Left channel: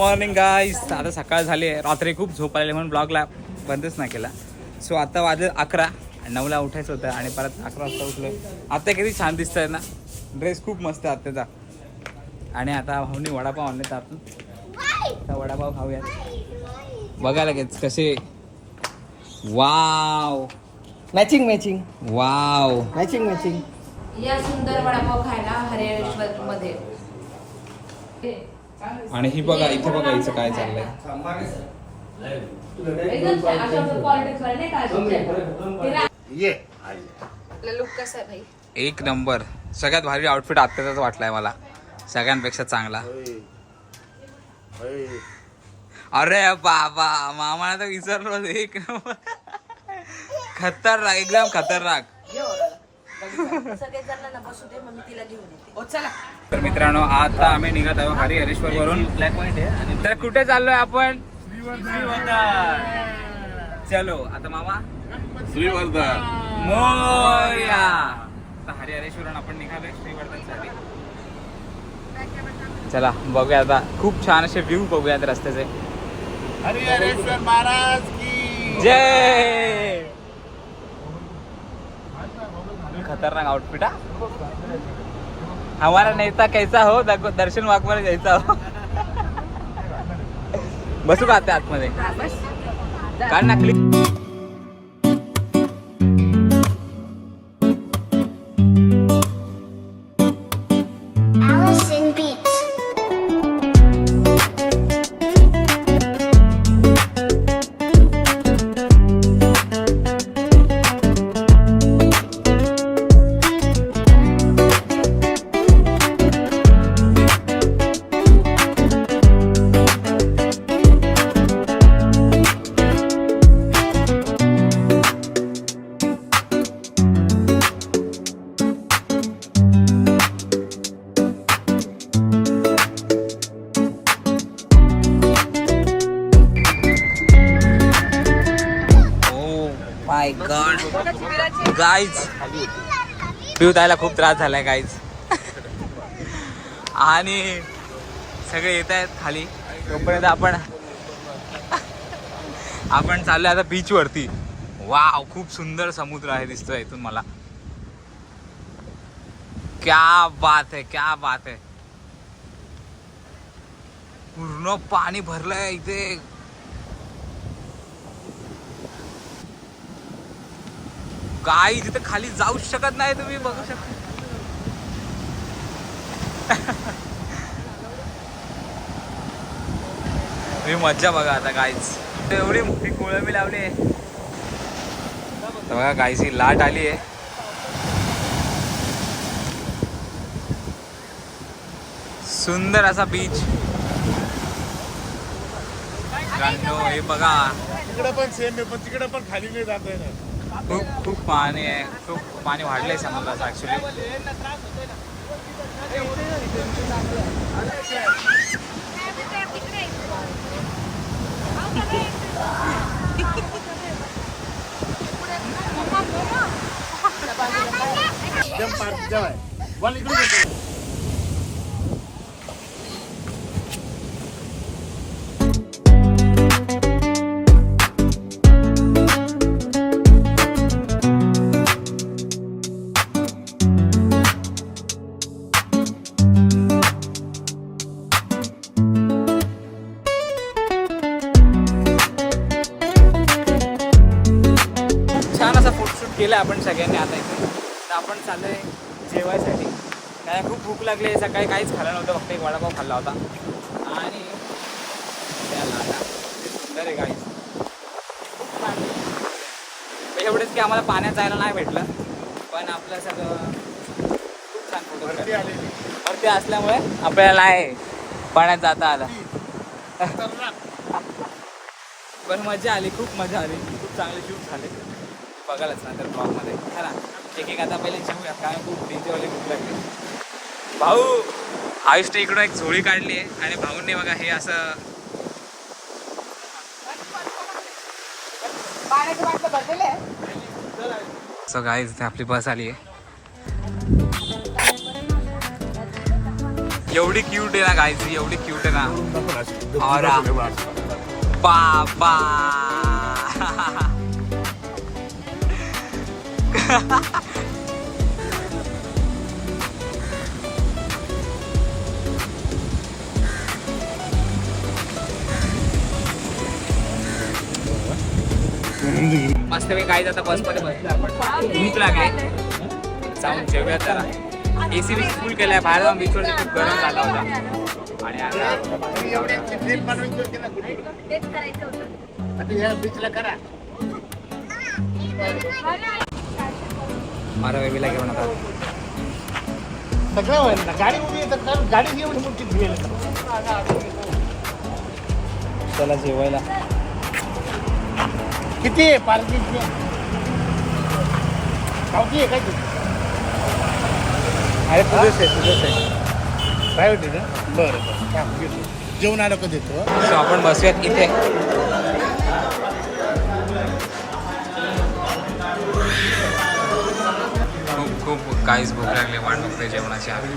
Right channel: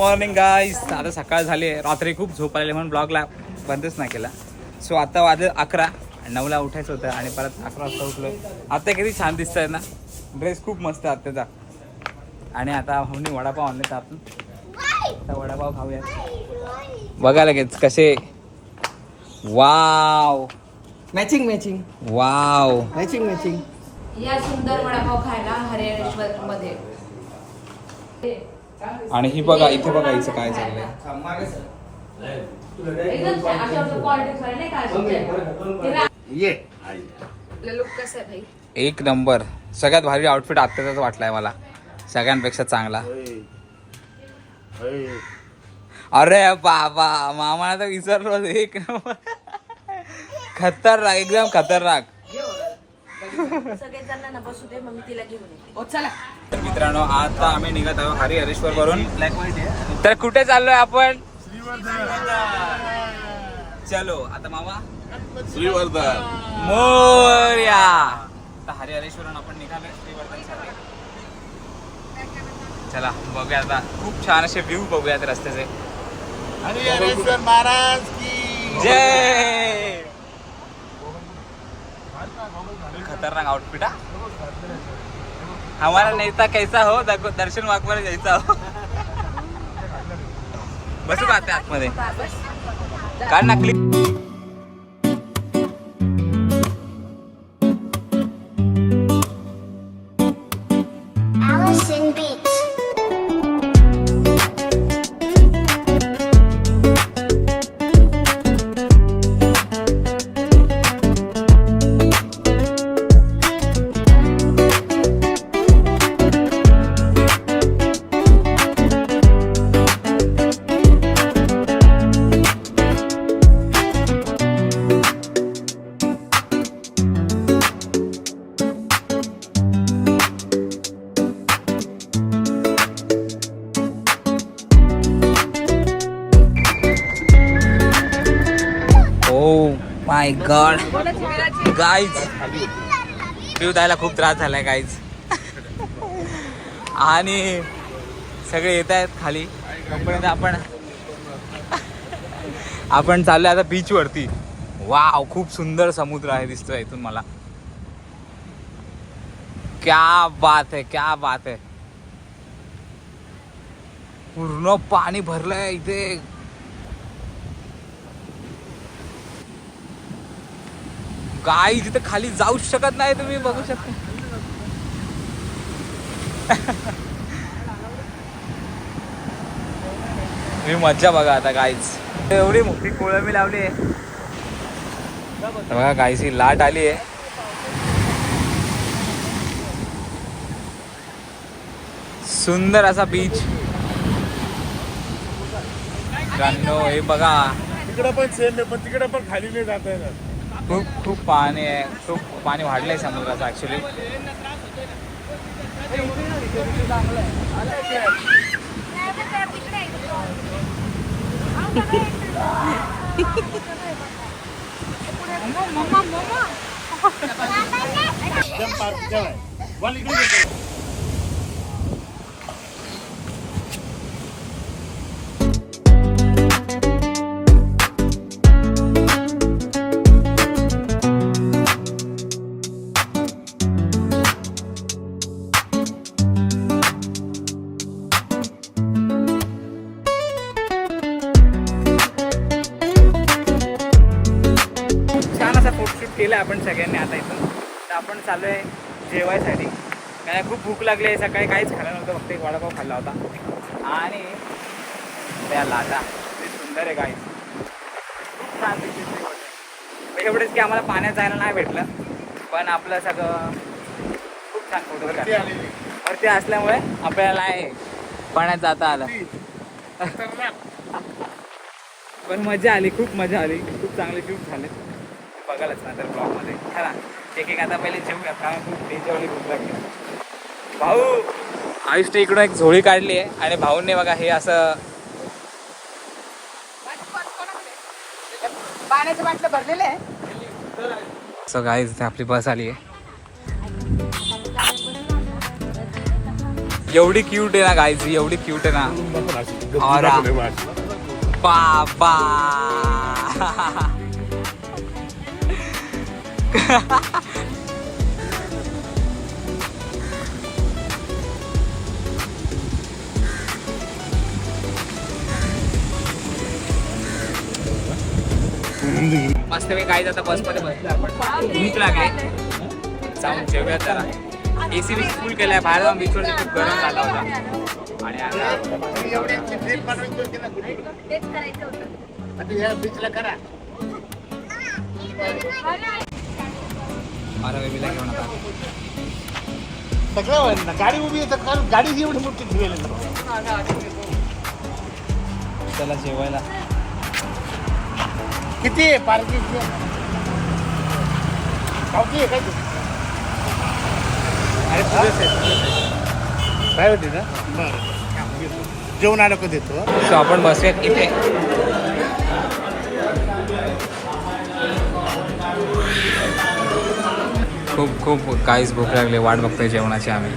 Morning guys. आता सकाळ झाली आहे. रात्री खूप झोप आलेली म्हणून ब्लॉगला बंदच नाही केला. सो आता वाजले 11. 9ला उठायचं होतं आणि परत 11 वाजता उठलोय. आता किती छान दिसत आहे ना. ड्रेस खूप मस्त आहे आत्याचा. आणि आता भाऊनी वडापाव आणले तर आपण आता वडापाव खाऊयात. बघा लगेच कसे. Wow matching matching wow matching matching. या सुंदर वडापाव खायला हरिहरेश्वर मध्ये. आणि ही बघा इथे बघा हिचं काय चाललंय. एक नंबर. सगळ्यात भारी आउटफिट आत्ताचाच वाटलाय मला, सगळ्यांपेक्षा चांगला. अरे बाबा मामाला तर विसरलो. एक नंबर खतरनाक, एकदम खतरनाक. तर मित्रांनो आता आम्ही निघत आहोत हरिहरेश्वर वरून. तर कुठे चाललोय आपण? चलो आता मामा श्रीवर्धन मोरया. आता हरिहरेश्वरून आपण निघालोय श्रीवर्धनसाठी. चला बघूया आता. खूप छान असे व्ह्यू बघूयात रस्त्याचे. हरिहरेश्वर महाराज की जय. खतरनाक आउटफिट. हमारा नेता कैसा हो, दर्शन वाघमारे जायचा हो. बसू का आता आतमध्ये? काढ ना क्लिप. गाईज पिऊ द्यायला खूप त्रास झालाय गाईज. आणि सगळे येत आहेत खाली. तोपर्यंत आपण चाललोय आता बीच वरती. वाव खूप सुंदर समुद्र आहे दिसतोय इथून मला. क्या बात है, क्या बात है. पूर्ण पाणी भरलंय इथे. काय तिथे खाली जाऊ शकत नाही तुम्ही, बघू शकता. तुम्ही मज्जा बघा आता गाईज. एवढी मोठी कोळंबी लावली आहे बघा गाईज. ही लाट आली आहे. सुंदर असा बीच. गांनो हे बघा. तिकडे पण सेम आहे, पण तिकडे पण खाली नाही जाता येणार. खूप खूप पाणी आहे. खूप पाणी वाढलंय समुद्राचं ऍक्च्युली. केलं आपण सगळ्यांनी आता इथं. तर आपण चाललोय जेवायसाठी. काय खूप भूक लागली आहे. सकाळी काहीच खाल्लं नव्हतं, फक्त एक वडापाव खाल्ला होता. आणि त्या लाटा ते सुंदर आहे गाईस. खूप छान दिसते होते. एवढेच की आम्हाला पाण्यात जायला नाही भेटलं, पण आपलं सगळं खूप छान फोटो काढले. वरती असल्यामुळे आपल्याला नाही पाण्यात जाता आलं. पण मजा आली, खूप मजा आली. खूप चांगले शूट झाले. बघायलाच ना तर ब्लॉगमध्ये खरा. एक आता पहिले जेवूयात, काय खूप डेंजरवाली भूक लागली. भाऊ आयुष्य इकडून एक झोळी काढली आहे आणि भाऊंनी बघा हे असं सो गाईज आपली बस आली आहे. एवढी क्यूट आहे ना गाईज, एवढी क्यूट आहे ना. और बाबा मस्त काही गाईज आता बसमध्ये बसलो आपण. भूक लागली, जाऊन जेवूयात जरा. एसी बीसी फुल केलाय, बाहेर जाऊन बीचवरती खूप गरम झाला होता. आणि आता माझ्या बेबीला घेऊन होता. त्याला जेवायला किती आहे पार्टी? अरे तुझंच आहे, तुझंच आहे. काय होते का? बरं जेवण आलं का देतो. सो आपण बसूयात तिथे. खूप खूप काहीच भूक लागली, वाट बघतोय जेवणाची आम्ही.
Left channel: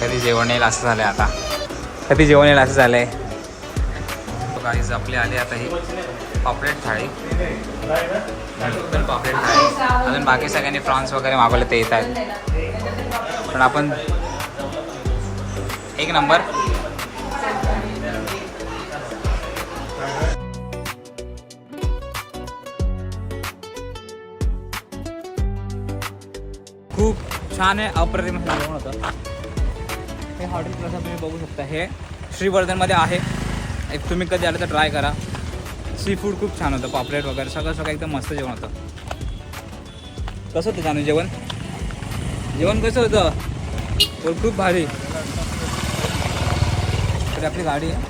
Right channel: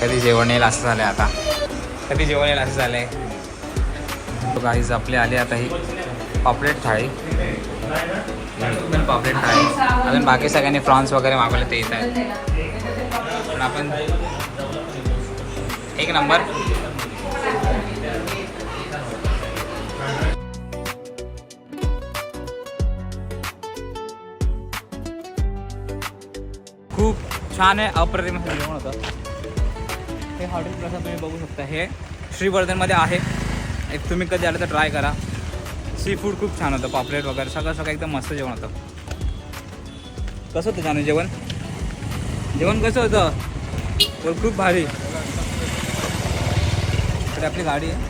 कधी जेवण येईल असं झालंय आता, कधी जेवण येईल असं झालंय. काहीच आपली आली आता ही पापलेट थाळी, पण पापलेट थाळी. अजून बाकी सगळ्यांनी फ्रॉन्स वगैरे मागवले ते येत आहेत. पण आपण एक नंबर. खूप छान आहे, अप्रतिम जेवण होतं. हे हॉटेल प्रसाद तुम्ही बघू शकता, हे श्रीवर्धनमध्ये आहे. एक तुम्ही कधी आलं तर ट्राय करा. सी फूड खूप छान होतं, पापलेट वगैरे सगळं सगळं एकदम मस्त जेवण होतं. कसं होतं जाणू जेवण? जेवण कसं होतं? तर खूप भारी. तर आपली गाडी आहे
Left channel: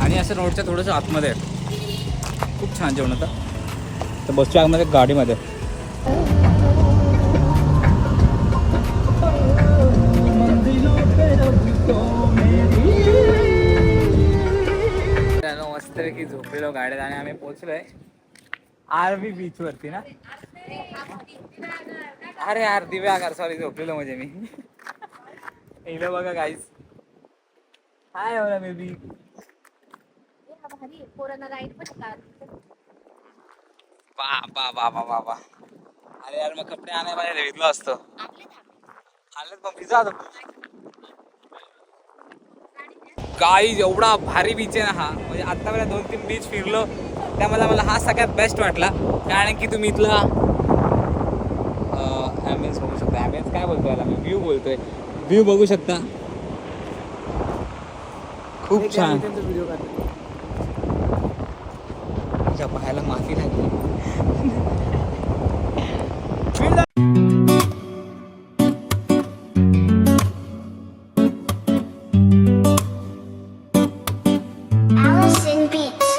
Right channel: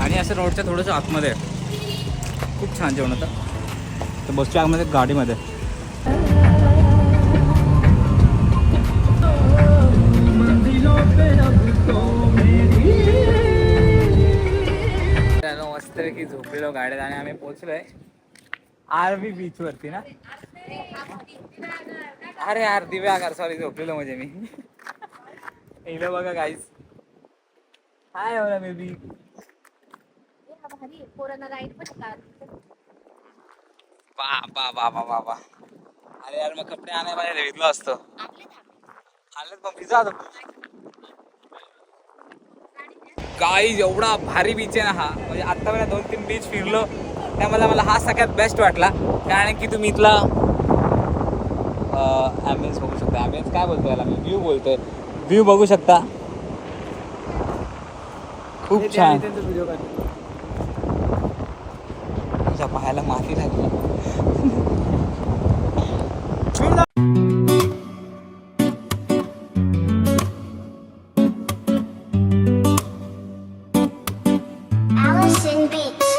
आणि असं रोडच्या थोडंसं आतमध्ये आहे. खूप छान जेवण होतं. तर बसच्या आतमध्ये गाडीमध्ये. मस्तपैकी झोपलेलो गाड्यात आणि आम्ही पोहोचलोय आरवी बीच वरती ना. अरे यार दिव्यागार, सॉरी झोपलेलो म्हणजे मी. इकडे बघा गाईज. हाय एवढा बेबी. बाबा बाबा बाबा. अरे यार मग कपडे आणायला पाहिजे, घेतलं असतं. आणलेत पण भिजा. गाईज एवढा भारी बीच आहे ना हा. म्हणजे आत्तापर्यंत 2-3 बीच फिरलो, त्यामध्ये मला हा सगळ्यात बेस्ट वाटला. कारण की तुम्ही इथला ॲम्बियन्स बघू शकता. ॲम्बियन्स काय बोलतोय याला मी? व्ह्यू बोलतोय. व्ह्यू बघू शकता, खूप छान. व्हिडिओ काढतो. तुझ्या पायाला माती लागली. Allison Beats.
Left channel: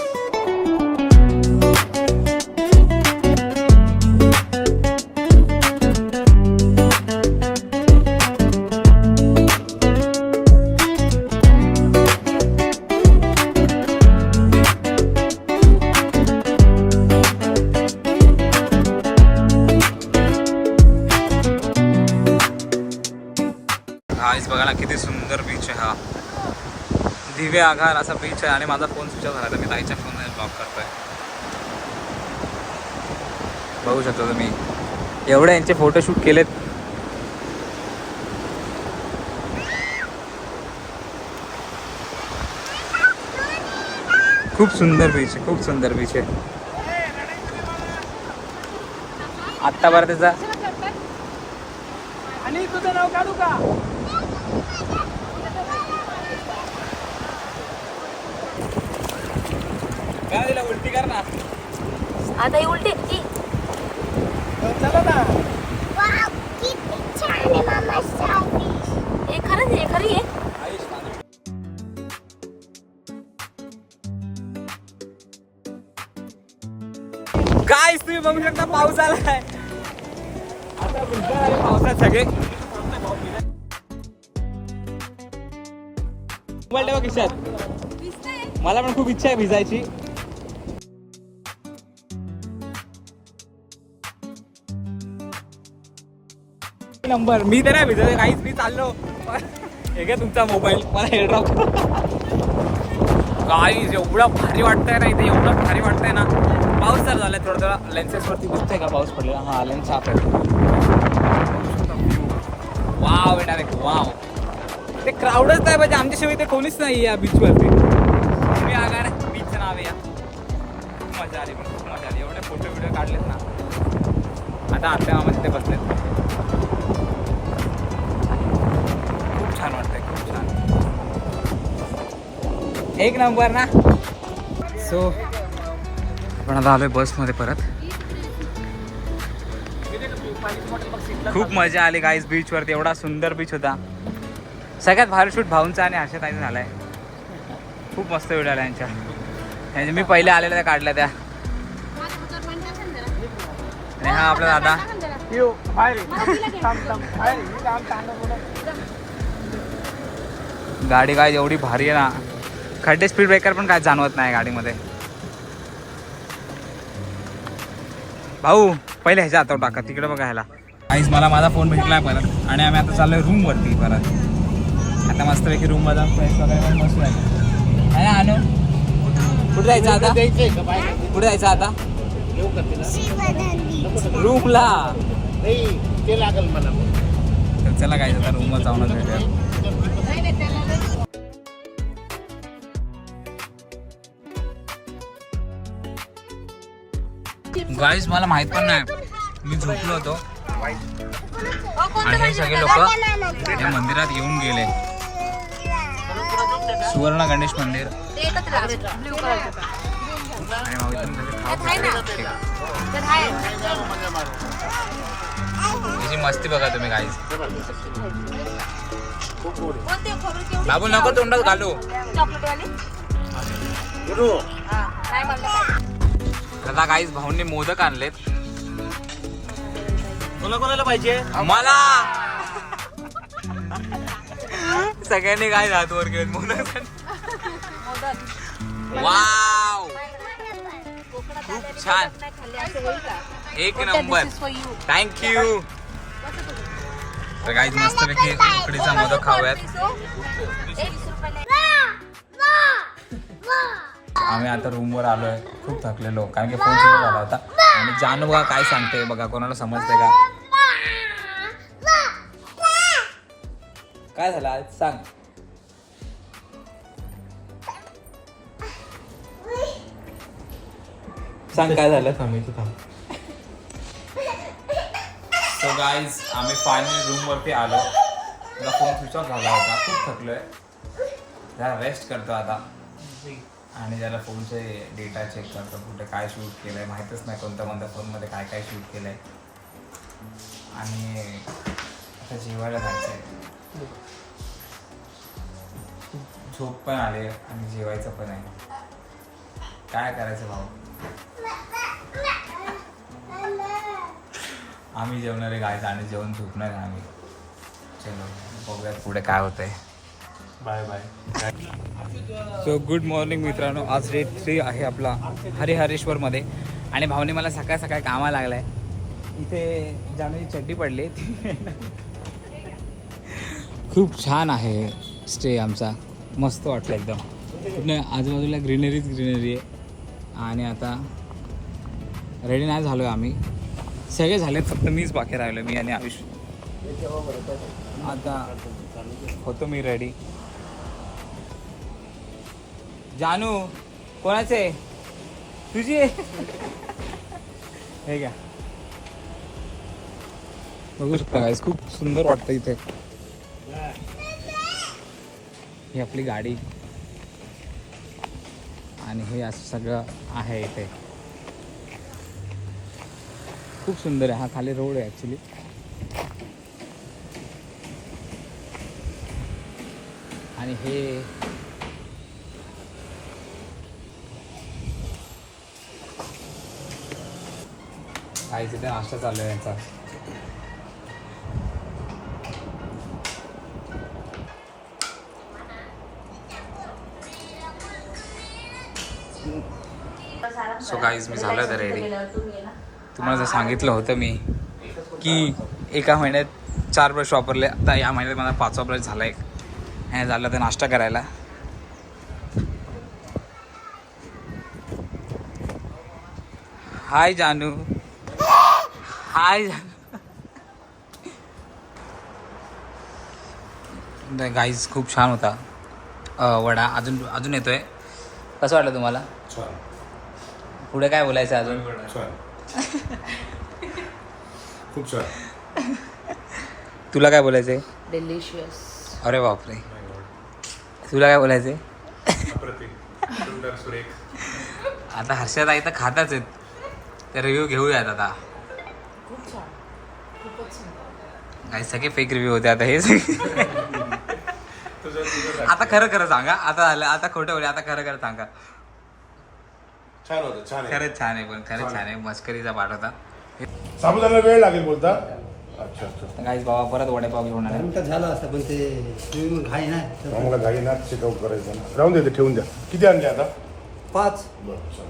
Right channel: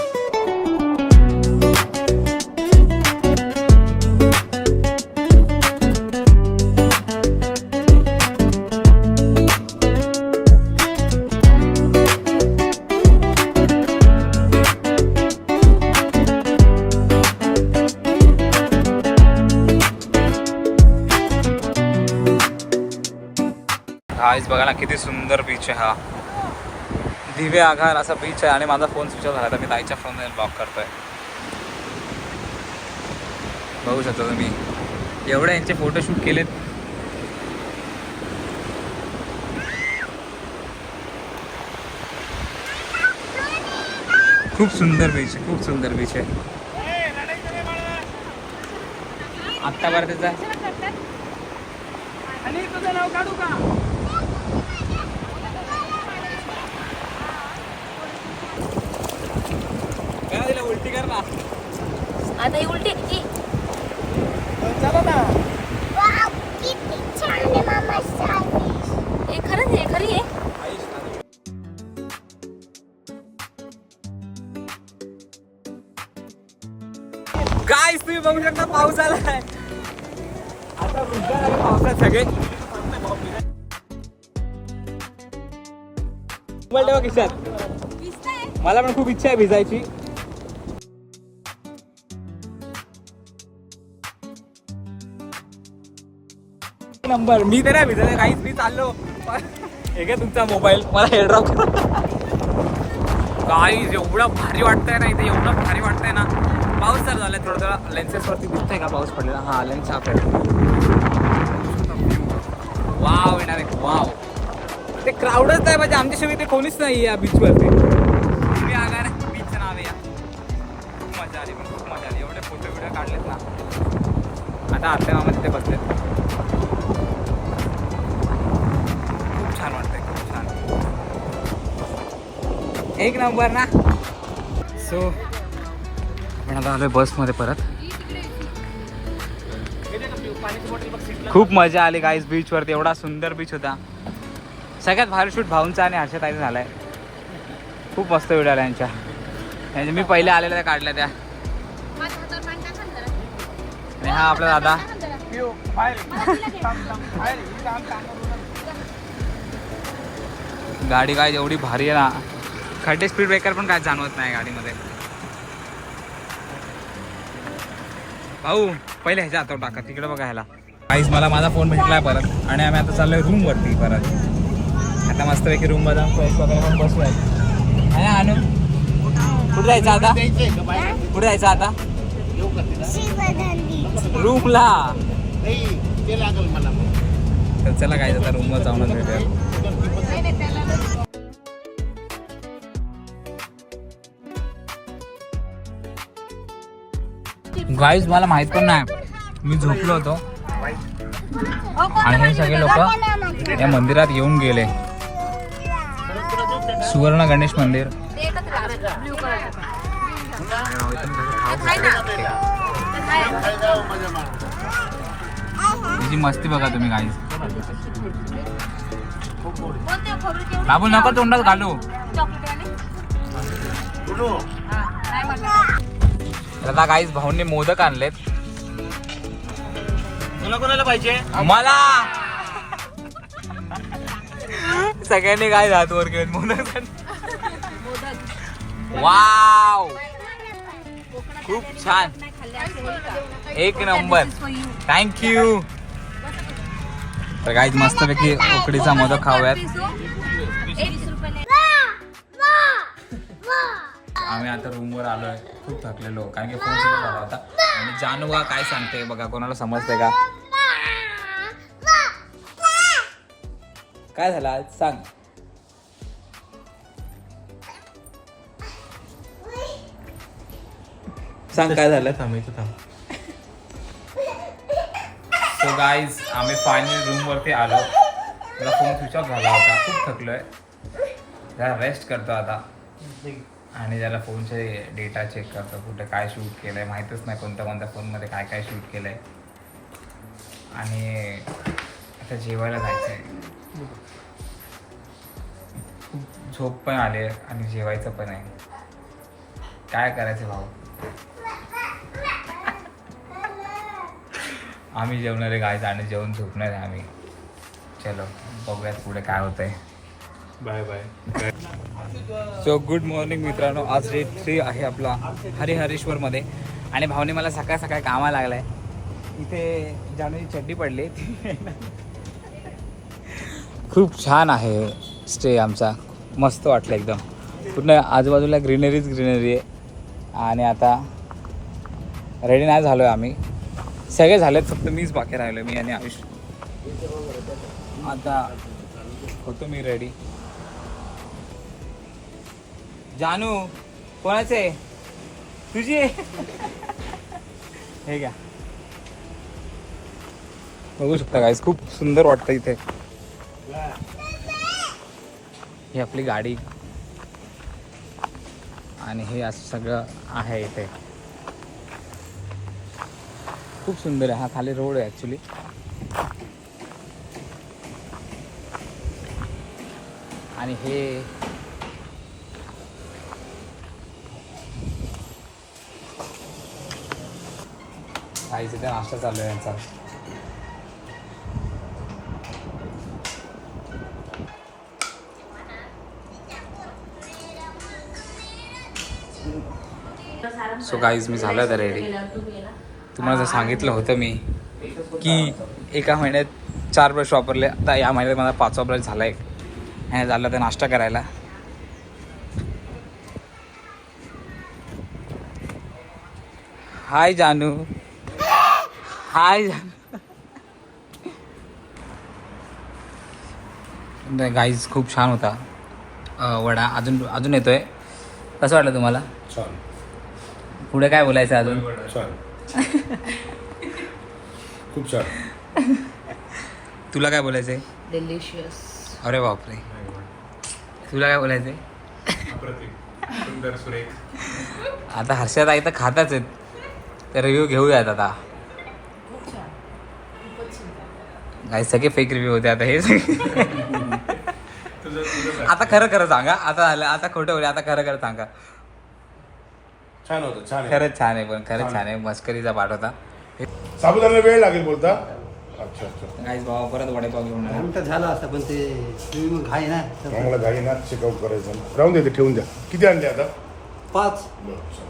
गाईज बघा ना किती सुंदर बीच आहे हा. दिवे आगार असा बीच आहे. आणि माझा फोन स्विच ऑफ झाला तर मी ताईच्या फोनने ब्लॉक करतोय. बघू शकता तुम्ही, एवढे यांचे फोटोशूट केलेत. खूप सुंदर बीच आहे, खूप सुंदर बीच आहे. आत्ता बरं त्याचा उलटी कर ना आता ही उलटी ती. चला ना. Wow, किती छान आहे मामा सावीस. हे खरंच आहे, खरी आहे. गाईस तुम्ही बघू शकता पाऊस आलाय. आता भिजणार आहे पावसात सगळे. मोबाईल ठेवा खिशात. मला पण खूप इच्छा आहे भिजायची. नंबर. मी तर नाही भिजत काहीच, मी चाललो. हे घ्या तुमचा मोबाईल, मला हेअरड्रॉप. गाईज एवढं भारी वाटतंय ना इथे, एवढं भारी वाटतंय ना. पाऊस तर झालाय थोडं थोडा. लेन्सेसवरती दिसतंय का पाऊस पडलेला? हा लेन्स साफ आहे. Wow direct wow. ते क्राऊडच नाही म्हणजे आमच्याशिवाय ते कोणीच नाही या बीचवरती. तुम्ही आगार बीचचं नाव आहे या. खूप मजा आली, पण खूप मजा आली. एवढे फोटो व्हिडिओ काढलेत ना. आता आत्या मामा तिथे बसलेत. खूप छान वाटतंय, खूप छान. एक नंबर ना. सो आपण आता आलोय बसमध्ये परत. खूप मजा आली गाईज बीचवरती. एवढा सुंदर बीच होता. सगळ्यात भारी शूट भाऊंचा आणि हर्षताईचा झालाय. खूप मस्त व्हिडिओ आला यांच्या. मी पहिले आलेल्या काढल्या त्या. आणि हा आपला दादा. गाडी काय एवढी भारी आहे ना, खड्डे स्पीड ब्रेकर पण काय जाणवत नाही गाडीमध्ये. भाऊ पहिले ह्याच्या हातावर टाका, तिकडे बघा ह्याला. काहीच मला माझा फोन भेटलाय परत आणि आम्ही आता चाललोय रूम वरती परत. आता मस्तपैकी रूम मध्ये फ्रेश वगैरे पण बसूया. आहे आणू कुठे जायचं आता? कुठे जायचं आता? रूमला. ते लागल मला. तर चला काय आता रूमवर जाऊनच भेटूया. गाईज मला माहित पण नाही, मी झोपलो होतो आणि हे सगळे लोक या मंदिरात येऊन गेले. सुवर्ण गणेश मंदिर. त्याची मस्ती बघा तुम्ही गाईज. बाबू नको तोंडात घालू. आता गाईज भाऊंनी मोदक आणलेत. तुला कोणाला पाहिजे? मला. सगळ्यांनी काय हात वर केलेत मोदक. वाव खूप छान, एक नंबर. थँक्यू. तर गाईज मस्तपैकी उकडीचा मोदक खाऊयात. आम्ही आता रूमवर आलोय. खूप थकलेलो कारण की फोन सुरू झाला होता. आणि जानू बघा काय सांगते बघा, कोणाला समजते का? काय झालं आज सांग. सांग काय झालं. सो गाईज आम्ही फायनली रूम वरती आलो. मला फोन स्विच ऑफ झाला होता. खूप थकलोय, जरा रेस्ट करतो आता. आणि ज्याला फोनचे डेटा चेक करतो, कुठे काय शूट केलं आहे माहीतच नाही, कोणत्या कोणत्या फोनमध्ये काय काय शूट केलं आहे. आणि आता जेवायला जायचं आहे. खूप झोप पण आली आहे आणि जेवायचं पण आहे. काय करायचं भाऊ. आम्ही जेवणार आहे गायचं आणि जेवण झोपणार आहे आम्ही. चलो बघूयात पुढे काय होतंय. Bye bye. So good morning मित्रांनो. आज डे 3 आहे आपला हरिहरेश्वरमध्ये. आणि भावने मला सकाळ सकाळ कामाला लागला आहे. इथे जानूची चड्डी पडली. खूप छान आहे स्टे आमचा. मस्त वाटलं एकदम. पूर्ण आजूबाजूला ग्रीनरी आहे. आणि आता रेडी नाही झालो आहे आम्ही. सगळे झालेत, फक्त मीच बाकी राहिलो, मी आणि आयुष. आता होतो मी रेडी. जानू कोणाचे? तुझी. हे घ्या, बघू शकता गाईस, खूप सुंदर वाटतं इथे. ही आपली गाडी आणि हे असं सगळं आहे इथे. खूप सुंदर आहे. हा खाली रोड आहे ॲक्च्युली. आणि हे काहीच इथे नाश्ता चालू आहे यांचा. सो गाईज मी झालं होतं रेडी. तुम्हाला जर सांगितलं होतं मी की एका महिन्यात 4 ब्रश वापरले. आता या महिन्यात मला 5वा ब्रश झाला एक. हे झालं तर नाश्ता करायला. हाय जानू. हाय जानू. गाईज खूप छान होता वडा. अजून येतोय. कसं वाटलं तुम्हाला? छान. पुढे काय बोलायचं अजून? छान. खूप छान. तुला काय बोलायचंय? डिलिशियस. अरे बापरे. तुला काय बोलायचंय? आता हर्षद आई तर खातच आहेत. तर रिव्ह्यू घेऊयात आता. खूप छान. खूपच सुंदर. काही सगळे फेक रिव्ह्यू होते आता हे आता खरं सांगा. आता झालं. आता खोटं बोल. आता खरं सांगा. छान होतं. छान. खरंच छान आहे. पण खरंच छान आहे. मस्करीचा पाठ होता. साबुदाणा वेळ लागेल बोलता. अच्छा. गाईज बाबा परत वडेपाव घेऊन आले. तर झालं असतं पण ते तुम्ही मग घाई ना मला गाडी ना चेकआउट करायचं. राहून दे, ठेवून द्या. किती आणले आता? 5. बरं, छान.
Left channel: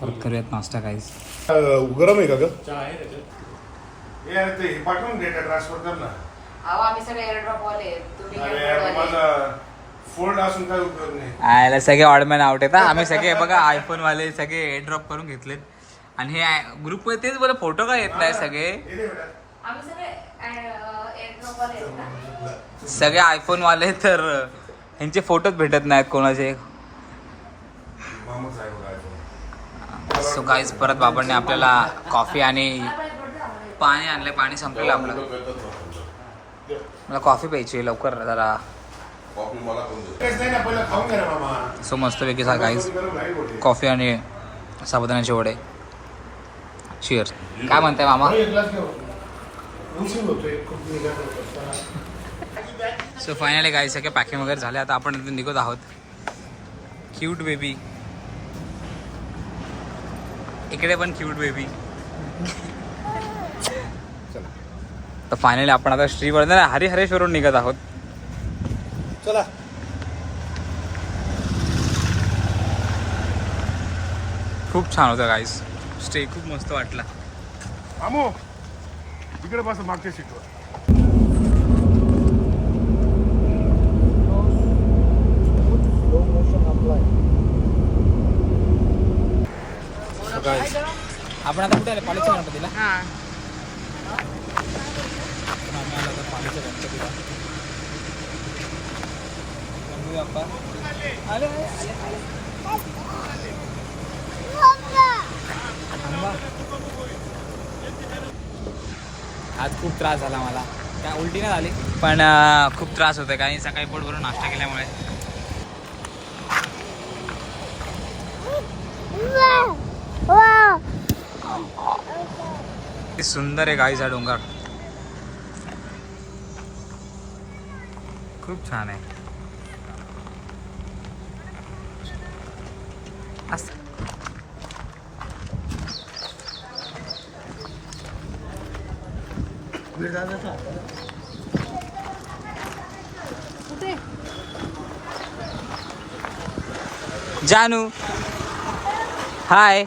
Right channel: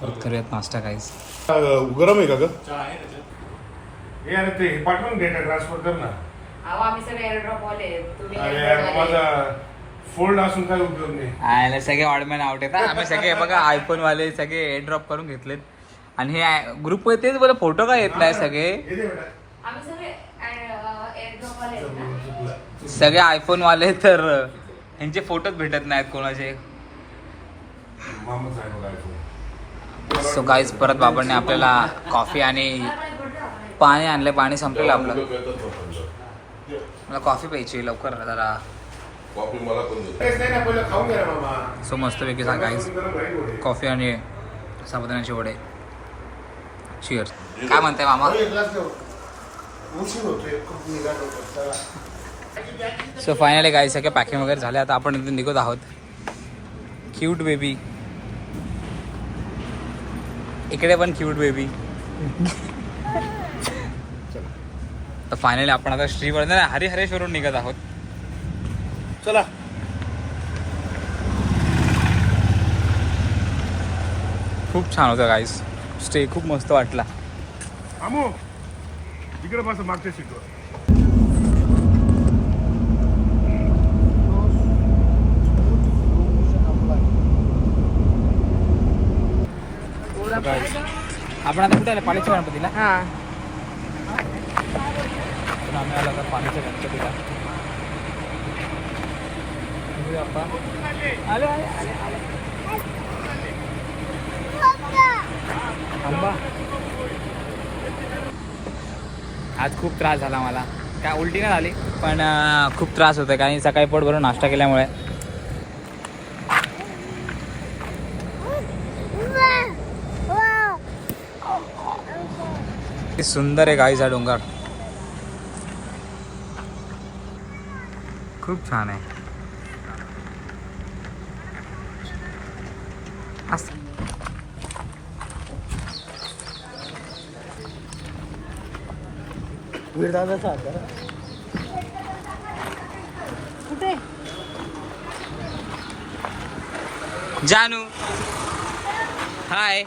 परत करूयात नाश्ता गाईज. गरम आहे का ग? हे अरे ते पाठवून डेटा ट्रान्सफर कर ना. अहो आम्ही सगळे एअरड्रॉप वाले. तुम्ही अरे airdrop यार, वाले. माझा फोल्ड असून काय उपयोग नाही. आयला सगळे ऑडमॅन आउट आहेत. आम्ही सगळे बघा आयफोन वाले सगळे एअरड्रॉप करून घेतलेत. आणि हे ग्रुप तेच बरं फोटो काय येत नाही सगळे. हे दे बेटा. आम्ही सगळे एअरड्रॉप वाले आहेत ना. सगळे आयफोन वाले तर यांचे फोटोच भेटत नाहीत कोणाचे. मामूच आहे बघा iPhone. सो गाईज परत बाबांनी आपल्याला कॉफी आणि पाणी आणले. पाणी संपलेलं आपलं. मला कॉफी प्यायची लवकर जरा. तेच नाही ना, पहिलं खाऊन घ्या ना मामा. सो मस्तपैकी सा गाईज कॉफी आणि साबुदाण्याचे वडे. चिअर्स. काय म्हणताय मामा? एक ग्लास घेऊ. उशीर होतोय, खूप निघाल होतं. सो फायनली गाईज सगळे पॅकिंग वगैरे झाले. आता आपण इथे निघत आहोत. Cute baby. इकडे पण क्यूट बेबी. तर फायनली आपण आता श्रीवर्धन हरिहरेश्वरून निघत आहोत. चला. खूप छान होतं गाईज. स्टे खूप मस्त वाटला. आमो इकडे बस मागच्या सीटवर. आपण आता कुठे आले? पालीच्या गणपतीला. पण आम्ही आलो आता पालीच्या गणपतीला. गणपती बाप्पा आले आले आले आले. थांबा. आज खूप त्रास झाला मला. काय उलटी नाही झाली पण खूप त्रास होतोय कारण सकाळी पोट भरून नाश्ता केल्यामुळे. सुंदर आहे गाईचा डोंगर. खूप छान आहे. जानू हाय.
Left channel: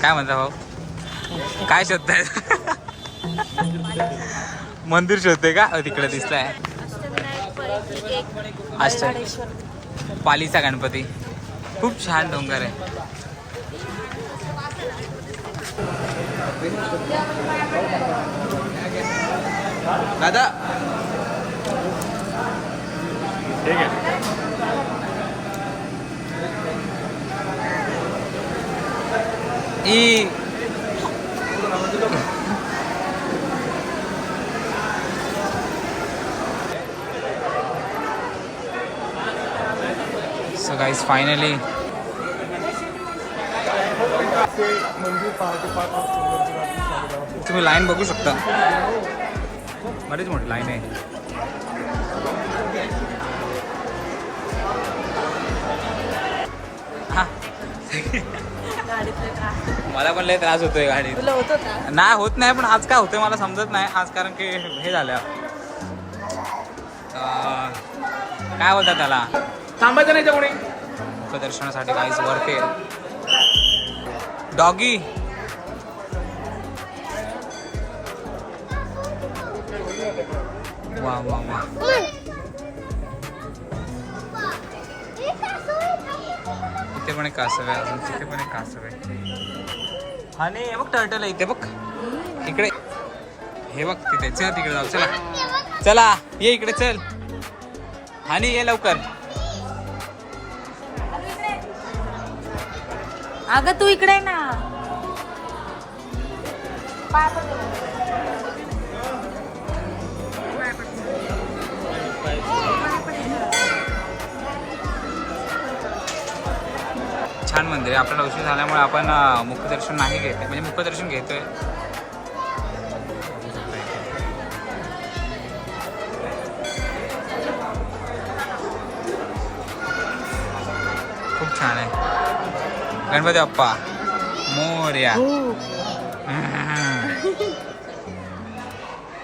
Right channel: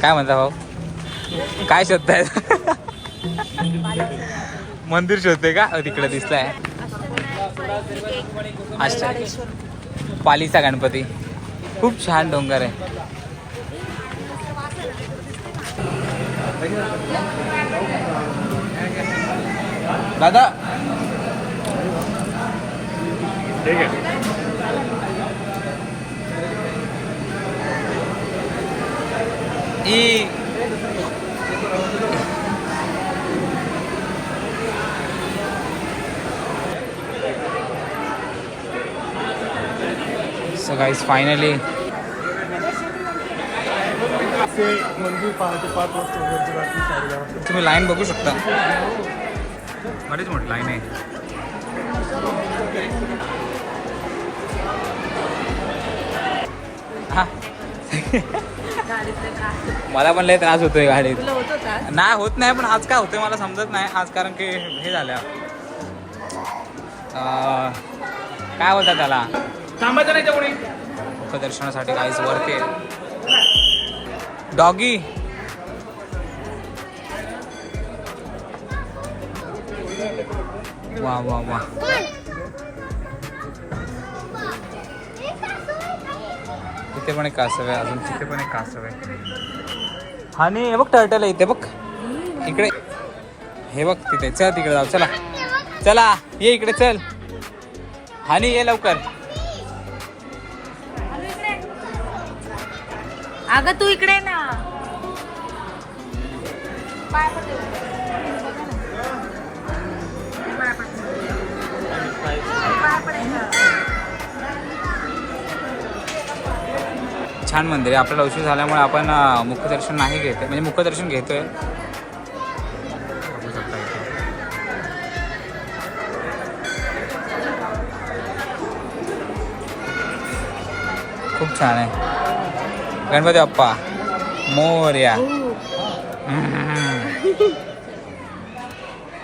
काय म्हणता भाऊ? काय शोधताय? मंदिर शोधते का? तिकडे दिसलाय. अच्छा. पालीचा गणपती. खूप छान डोंगर आहे. दादा ठीक आहे. So guys, finally तुम्ही लाईन बघू शकता. बरीच मोठी लाईन आहे. हा मला पण लय त्रास होतोय गाडीत. नाही होत नाही पण आज काय होतंय मला समजत नाही. आज कारण की हे झालं काय बोलतात त्याला थांबायचं नाही तेवढे. मुखदर्शनासाठी काहीच वर केलं. डॉगी वा वा वा. इथे पण एक कासव आहे, अजून तिथे पण एक कासव आहे. आणि हे बघ टर्टल आहे इथे बघ, इकडे हे बघ तिथे. चल तिकडे जाऊ, चला चला ये इकडे चल. आणि ये लवकर. अगं तू इकडे ना. छान मंदिर आहे. आपल्याला उशीर झाल्यामुळे आपण मुखदर्शन नाही घेत, म्हणजे मुखदर्शन घेतोय. बघू शकता इथे. खूप छान आहे. गणपती बाप्पा मोरया.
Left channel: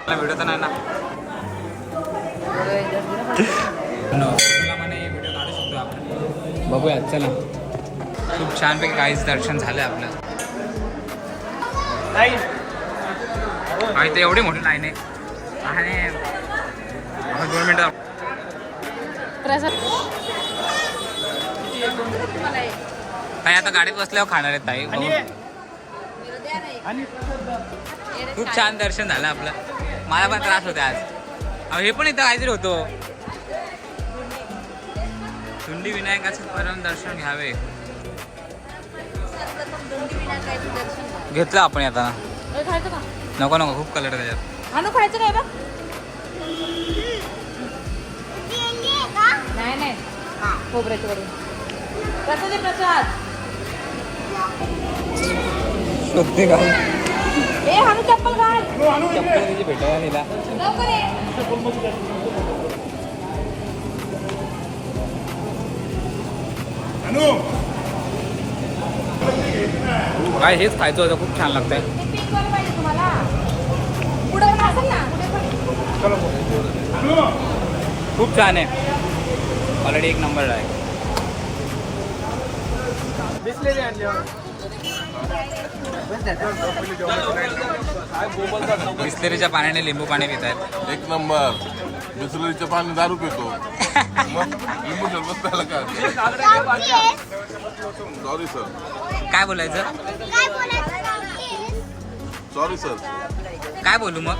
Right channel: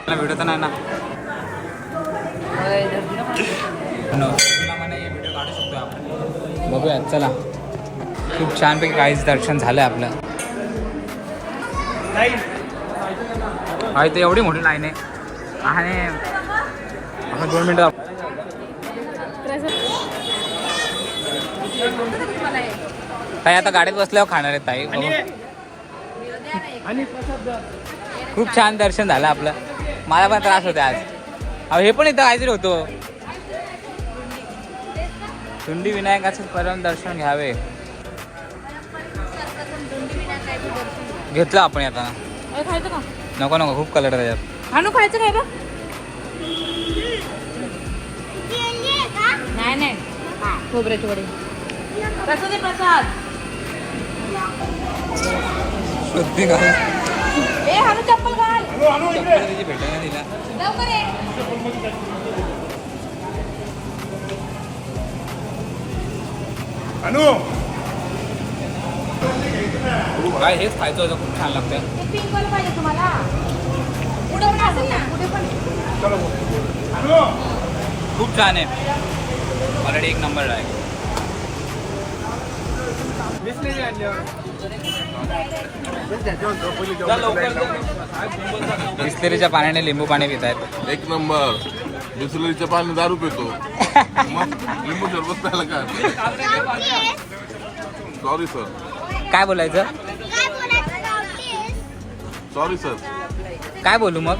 व्हिडिओ तर नाही ना, तुला म्हणे व्हिडिओ काढू शकतो आपण. बघूया चला. खूप छानपैकी काहीच दर्शन झालं आपलं. इथे एवढी मोठी लाईन आहे आणि आपण 2 मिनिटं. ताई आता गाडीत बसल्यावर खाणार आहेत ताई. खूप छान दर्शन झालं आपलं. मला पण त्रास होते आज. हे पण इथं काहीतरी होतो. तुंडी विनायकाचे परम दर्शन घ्यावे. घेतलं आपण आता. नको नको, खूप कलर त्याच्यात. नाही खोबऱ्याची वडी. सध्या काय चप्पल तिची भेटायला दिला. काय हेच खायचं होतं. खूप छान लागतंय. खूप छान आहे. ऑलरेडी 1 नंबर आहे. बिस्लेरीच्या पाण्याने लिंबू पाणी पित आहेत. 1 नंबर. बिस्लरीचं पाणी दारू पितो. मग लिंबू सरबत प्यायला काय. Sorry sir. काय बोलायचं. काय बोलायचं नव्हते. Sorry sir. काय बोलू मग.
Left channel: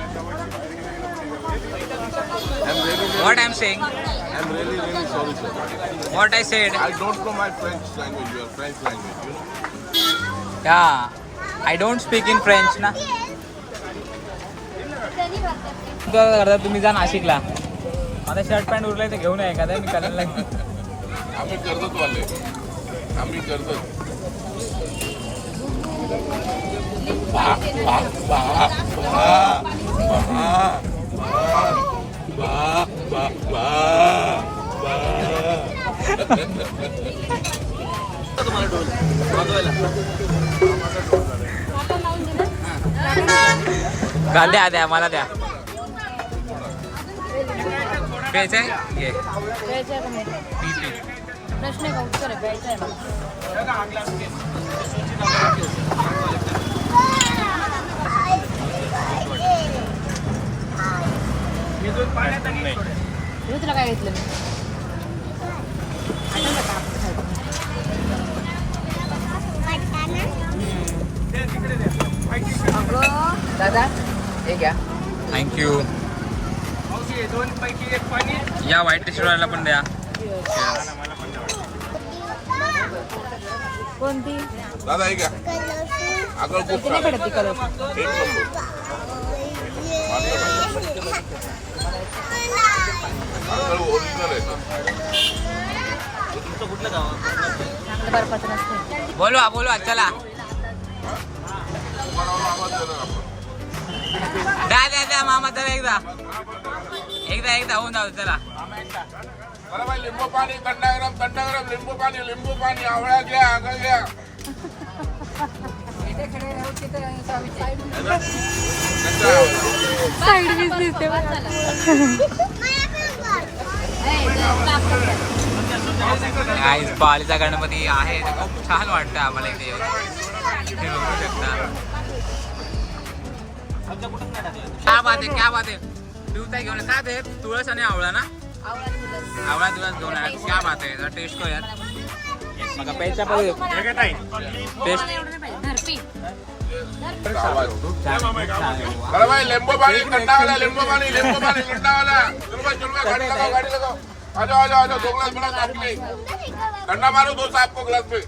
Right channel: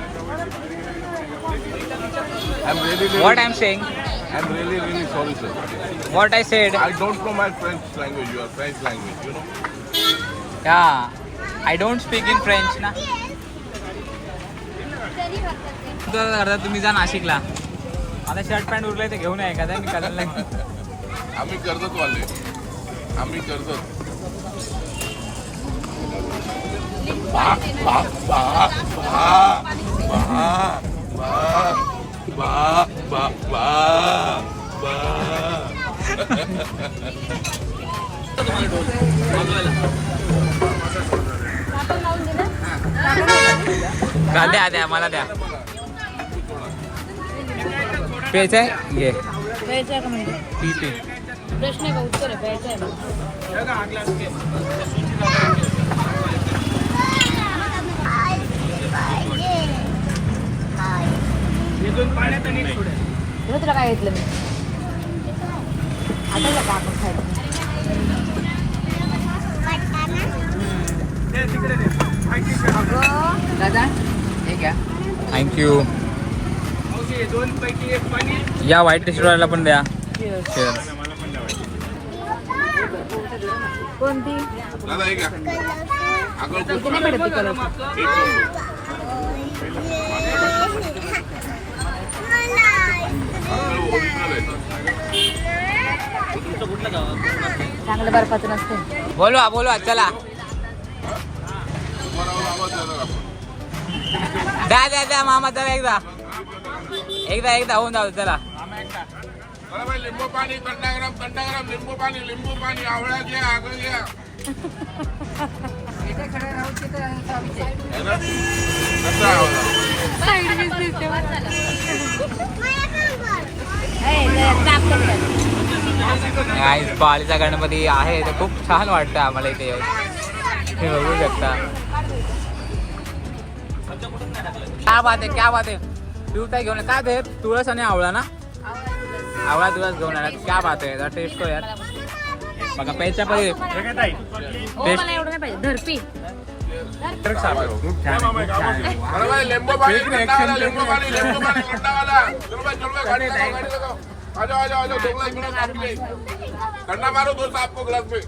What I'm saying? I'm really, really sorry, sir. What I said? I don't know my French language, your French language, you know? Yeah. I don't speak in French ना. तुम्ही जा नाशिकला. आता शर्ट पॅन्ट उरलाय ते घेऊन आहे का मी करायला. आम्ही कर्जत वाले. आम्ही कर्जत. घाल द्या द्या मला द्या. प्यायचं आहे घे. पीते. प्रश्न आहे का उत्तर आहे. प्यायचं आहे ना. तुला काय घेतलं मी आता का आपण खायचं. अगं दादा हे घ्या. थँक्यू. या व्हाईट टी शर्टवाल्याला पण द्या. कोणती. दादा हे घ्या. इथे नाही भेटत ती कलर. चांगलं बर्फाचं नसतं. बोलवा बोलवा चला. द्या द्या द्या मामा चला एकदा एकदा एकदा होऊन जाऊ चला. लिंबू पाणी थंडागरम लिंबू पाणी आवळा घ्या आगळ घ्या. पालीचा गणपती आहे ते खूप छान वाटतं आम्हाला इथे येऊन. हे बघू शकता. क्या बात है क्या बात है. पिवताई घेऊन काय ते तुळस आणि आवळा ना आवळा तुळस घेऊन आला क्या बात आहे टेस्ट करू यार बघा पेनच्याकडे धरपी खूप छान आहे, खूप छान आहे. वा. अरे भाई लिंबू पानी ठंडा वाला लिंबू पानी ठंडा वाला चलो भाई गाड़ी लगाओ गाड़ी लगाओ आ जाओ दो गिलास बड़ा साफ ले ठंडा मारो दो साफ को गिलास पे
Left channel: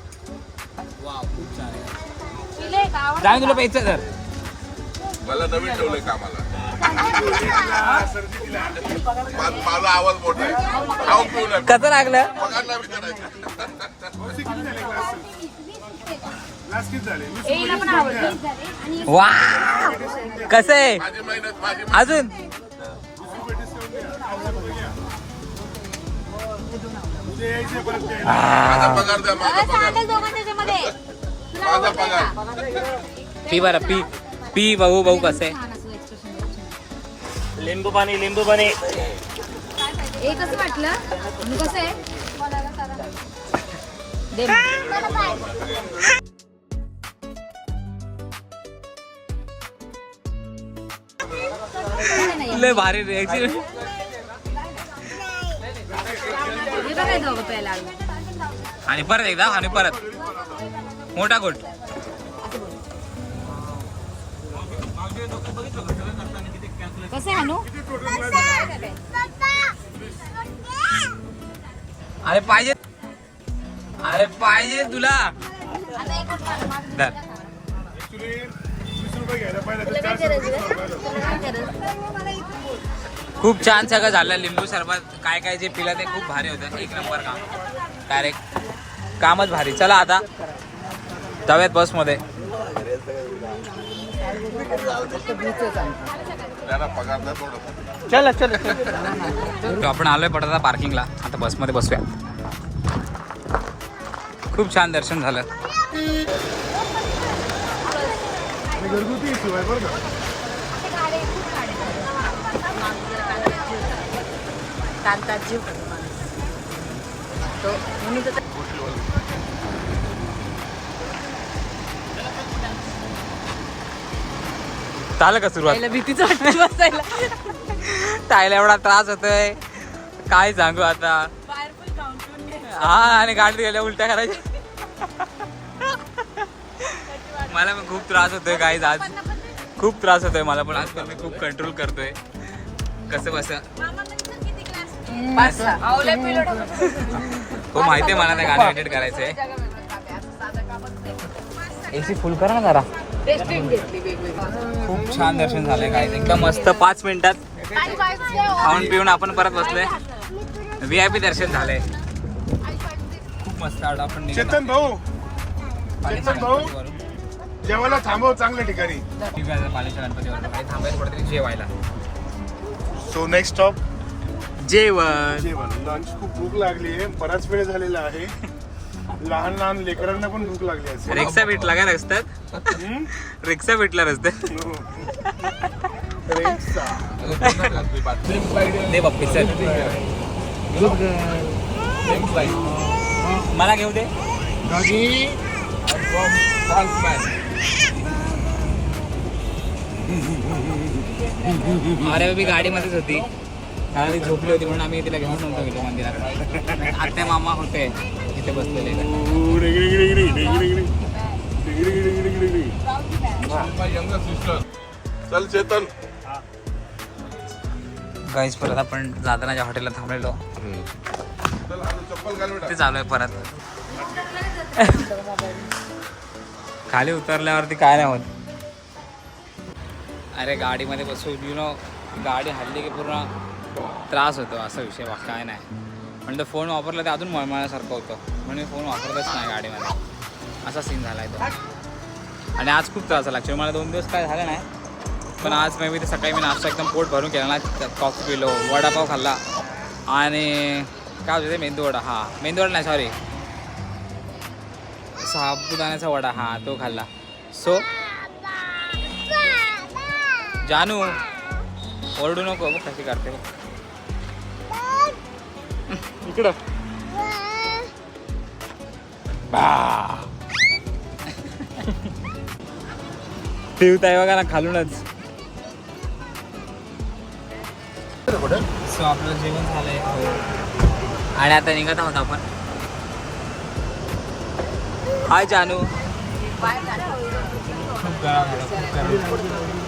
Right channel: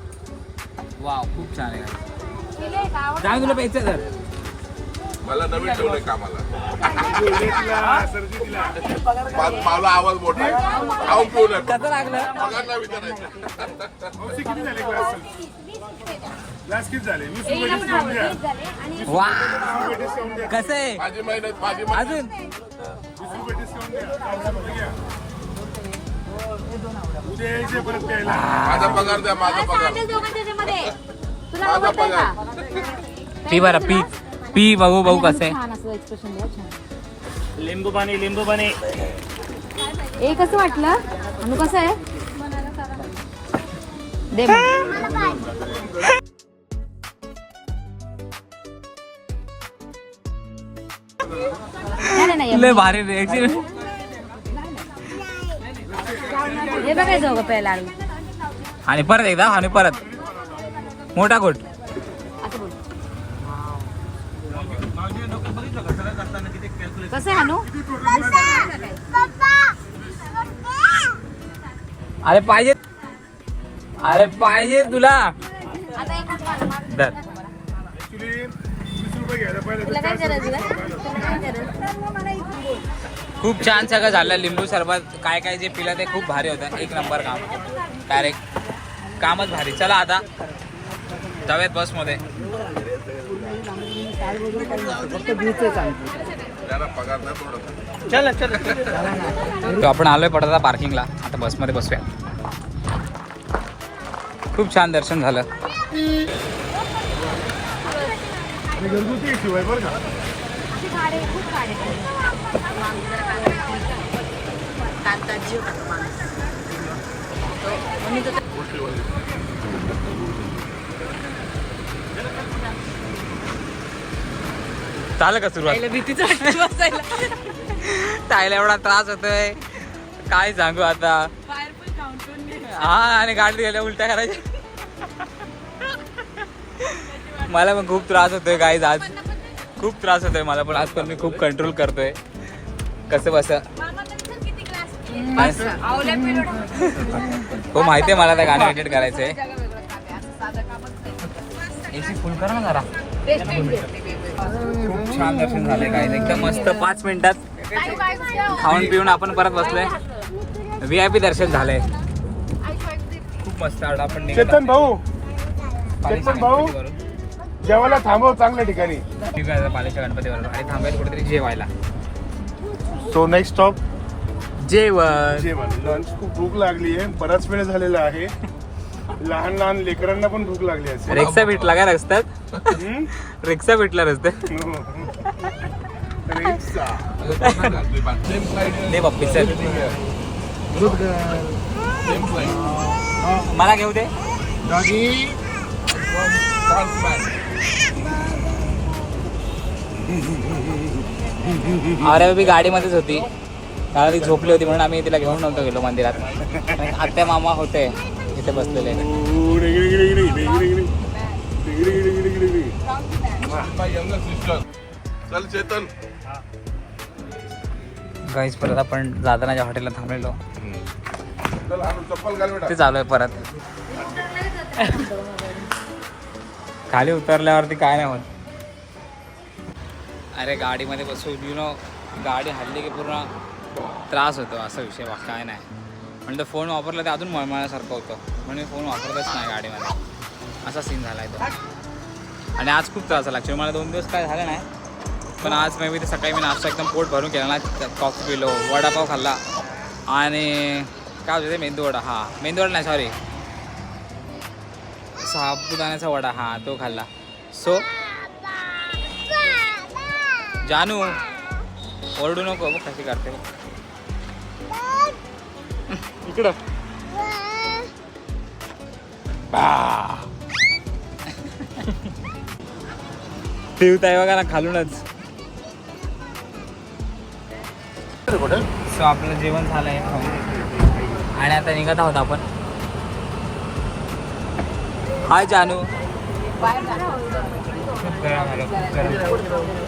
वाव खूप छान आहे काय तुला प्यायचं तर मला नवीन ठेवलंय कामाला माझा आवाज मोठा आहे खाऊन पिऊ नये कसं लागलं पगार नाही विचारायचं वा कसं आहे माझी मेहनत माझी अजून माझा पगार द्या माझा पगार तुला आवडतंय का पी बरं पी पी बघू बघू कसं आहे छान असं एक्सप्रेशन द्या छान. लिंबू पाणी ए कसं वाटलं अनु कसं आहे दे मग. नाही, नाही, लय नाही. भारी reaction. हे बघायचं हो पहिला आणि परत एकदा आणि परत मोठा गोट कसं आहे अनु अरे पाहिजे तुला धर. तुला काय करायचं खूप छान सगळं झालं लिंबू सरबत काय काय जे पिलं ते खूप भारी होतं एक नंबर काम डायरेक्ट कामच भारी चला आता जाऊयात बसमध्ये पगार द्या थोडं तो आपण आलोय पडता पार्किंगला आता बसमध्ये बसूया खूप छान दर्शन झालं घरगुती शिवाय बरं का झालं का सुरुवात ताईला एवढा त्रास होतोय काय सांगू आता हा आणि गाडीत गेल्या उलट्या करायच्या मला पण खूप त्रास होतोय काय आज खूप त्रास होतोय मला पण आज पण मी खूप कंट्रोल करतोय कसं बस हो माहितीये मला त्या गाडी एडिट करायचंय एसी फुल करा ना जरा खूप छान दर्शन झालंय काय एकदम मस्त 5 मिनिटात खाऊन पिऊन आपण परत बसलोय VIP दर्शन झालंय खूप मस्त वाटलं आपण चेतन भाऊ जेवायला थांबव चांगल्या ठिकाणी पालेच्या गणपतीवर आणि थांबायला कुठेतरी जेवायला सो नेक्स्ट स्टॉप जेवण लंच खूप भूक लागली आहे बराच वेळ झालेला आहे लहान लहान लेकरांना पण भूक लागली असेल रिक्षा भेटला का रस्त्यात रिक्षा भेटला रस्त्यात दे बाप्पी चल मला घेऊ दे अरे मी गाडीमध्येच होती त्याला ती झोपली होती म्हणून आम्ही तिला घेऊन नव्हतो गेलो मंदिरात आत्या मामा होते इथे बसलेले चल चेतन गाईस परत आपण जातानाच्या हॉटेलला थांबलेलो चल चप्पल घाल बेटा ते चालू आहे परत खाली उतरल्यावरती काय नाही होत अरे गाडीमध्ये बसून यु नो गाडी हल्ली की पूर्ण त्रास होतो असा विषय काय नाही म्हणजे फोन वापरला ते अजून मळमळण्यासारखं होतं म्हणून फोन वापरतच नाही गाडीमध्ये असा सीन झाला आहे तो आणि आज खूप त्रास झाला ॲक्च्युली मला 2 दिवस काय झालं नाही पण आज मे बी ते सकाळी मी नाश्ता एकदम पोट भरून केला ना कॉफी पिलो वडापाव खाल्ला आणि काय होतं ते मेंदूवडा मेंदूवडा नाही सॉरी साबुदाण्याचा वडा तो खाल्ला सो जानू ओरडू नको बघ कशी करते इकडं पिवताय बघा ना खालूनच सो आपलं जेवण झालंय आणि आता निघत आहोत आपण. हाय जानू. खूप गरम झालं, खूप गरम.